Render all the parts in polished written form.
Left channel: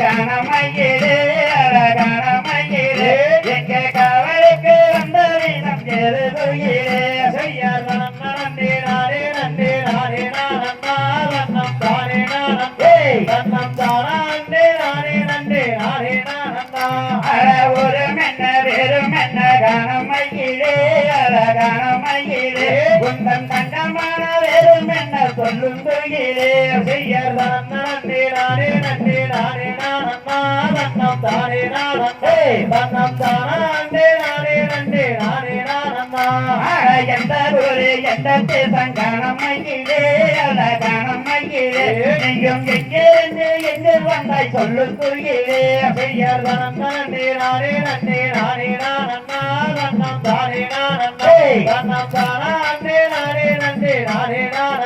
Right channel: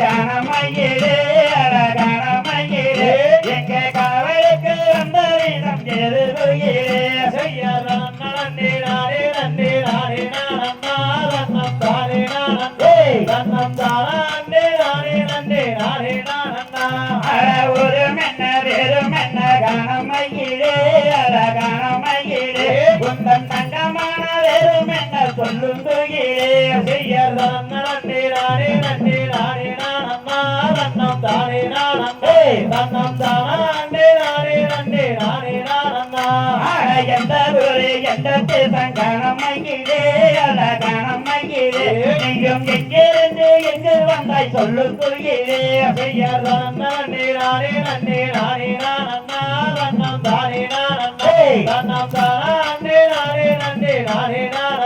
கணமையிலே கணமையிலே எங்க கவலைக்கு வந்த வீதம் எழுதுகிறே செய்யார் நன்னே நானே நன்னே நானே நானே நன்னம் தானே நானே நன்னம் தானே நானே நன்னே நானே நானே ஒரு மென்ன வெறும் மென்ன கணமையிலே கணமையிலே உந்தன் தங்கமான வெறும் மென்ன சொல்லும் துயிலே செய்யார் நன்னே நானே நன்னே நானே நன்னம் தானே நானே நன்னம் தானே நானே நன்னே நானே நானே எந்த ஊரு எந்த தேசம் கணமையிலே கணமையிலே நீயும் எங்கிருந்து எங்கு வந்தாய் சொல்லு துயிலே செய்யார் நன்னே நானே நன்னே நானே நன்னம் தானே நானே நன்னம் தானே நானே நன்னே நானே நானே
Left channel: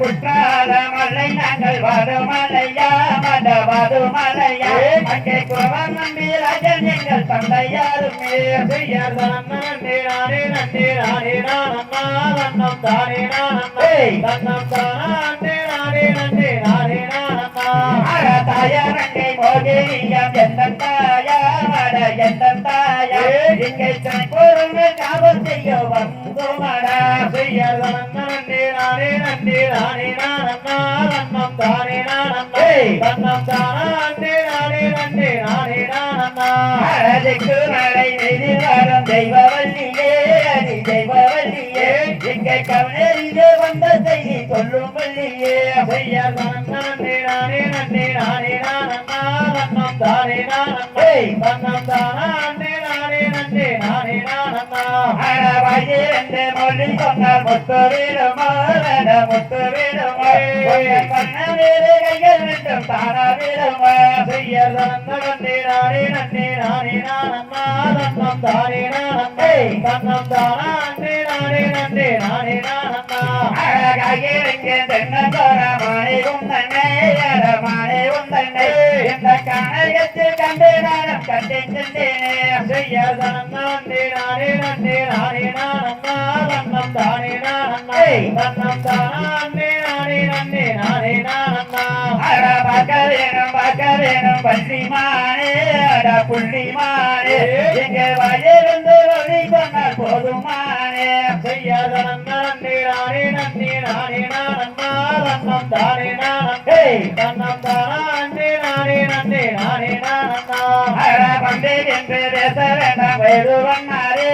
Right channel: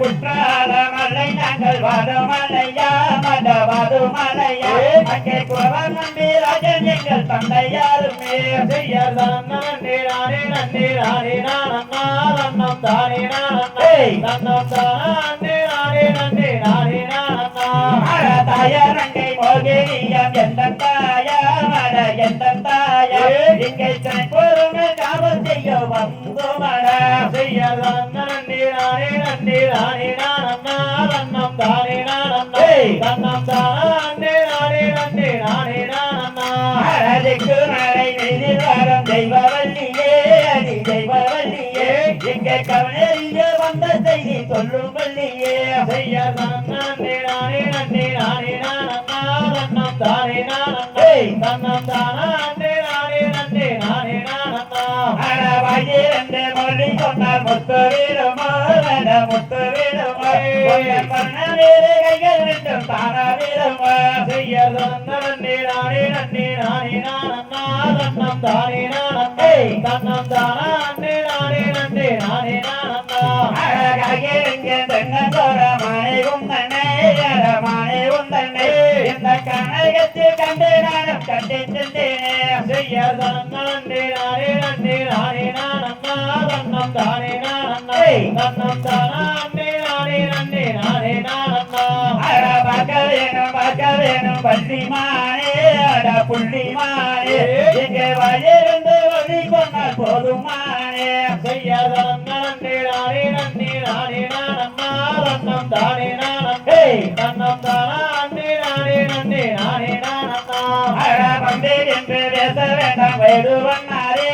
குற்றால மலை நாங்கள் வடமலையா மதவதுமலையா அங்கே குறவன் நம்பி ராஜன் எங்கள் தந்தையாருமே செய்யார் நன்னே நானே நன்னே நானே நன்னம் தானே நானே நன்னம் தானே நானே நன்னே நானே நானே தாயாரங்கை மோகினியம் எந்த தாயா மட எந்த தாயா இங்கே பொறுமை காவல் செய்ய வந்து மட செய்யார் நன்னே நானே நன்னே நானே நன்னம் தானே நானே நன்னம் தானே நானே நன்னே நானே நானே மழை மீது வரும் தெய்வவல்லியே அடி தெய்வவல்லியே இங்கே கவனிலே வந்த செய்தி சொல்லும் வல்லியே செய்யார் நன்னே நானே நன்னே நானே நன்னம் தானே நானே நன்னம் தானே நானே நன்னே நானே நானே மொழி சொன்னால் முத்து வீடுமோ முத்து வீடுமோ பண்ணவேறு கைகள் விட்டும் தானா வீடுமோ செய்யார் நன்னே நானே நன்னே நானே நன்னம் தானே நானே நன்னம் தானே நானே நன்னே நானே நானே தென்னந்தோர மணி உந்தனை மணி உந்தனை இந்த கனகத்து கண்டு நானும் கண்டு சென்றேனே செய்யார் நன்னே நானே நன்னே நானே நன்னம் தானே நானே நன்னம் தானே நானே நன்னே நானே பார்க்க வேணும் பள்ளிமானே புள்ளிமானே இங்கே வழியிருந்து வழி சொன்னால் போதுமானே செய்யார் நன்னே நானே நன்னே நானே நன்னம் தானே நானே நன்னம் தானே நானே நன்னே நானே பண்டே என்று பேச வேண்டாம் வேடுவண்ணாரே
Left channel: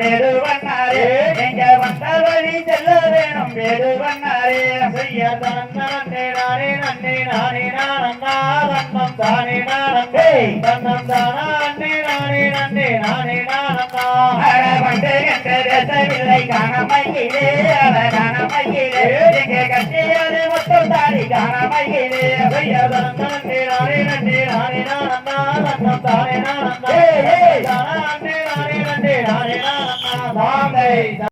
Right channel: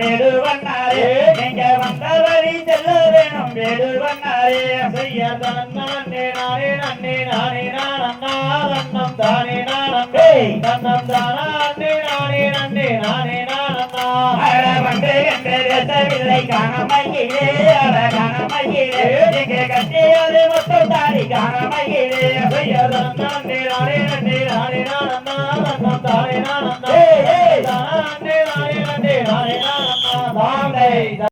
வேடுவண்ணாரே நீங்க வந்த வழி செல்ல வேணும் வேடுவண்ணாரே செய்யார் நன்னே நானே நன்னே நானே நன்னம் தானே நானே நன்னம் தானே நானே நன்னே நானே பண்டே என்று பேசவில்லை கணமையிலே கணமையிலே இங்கே கட்டியாலே மட்டும் தாடி கணமையிலே செய்யார் நன்னே நானே நன்னே நானே நன்னம் தானே நானே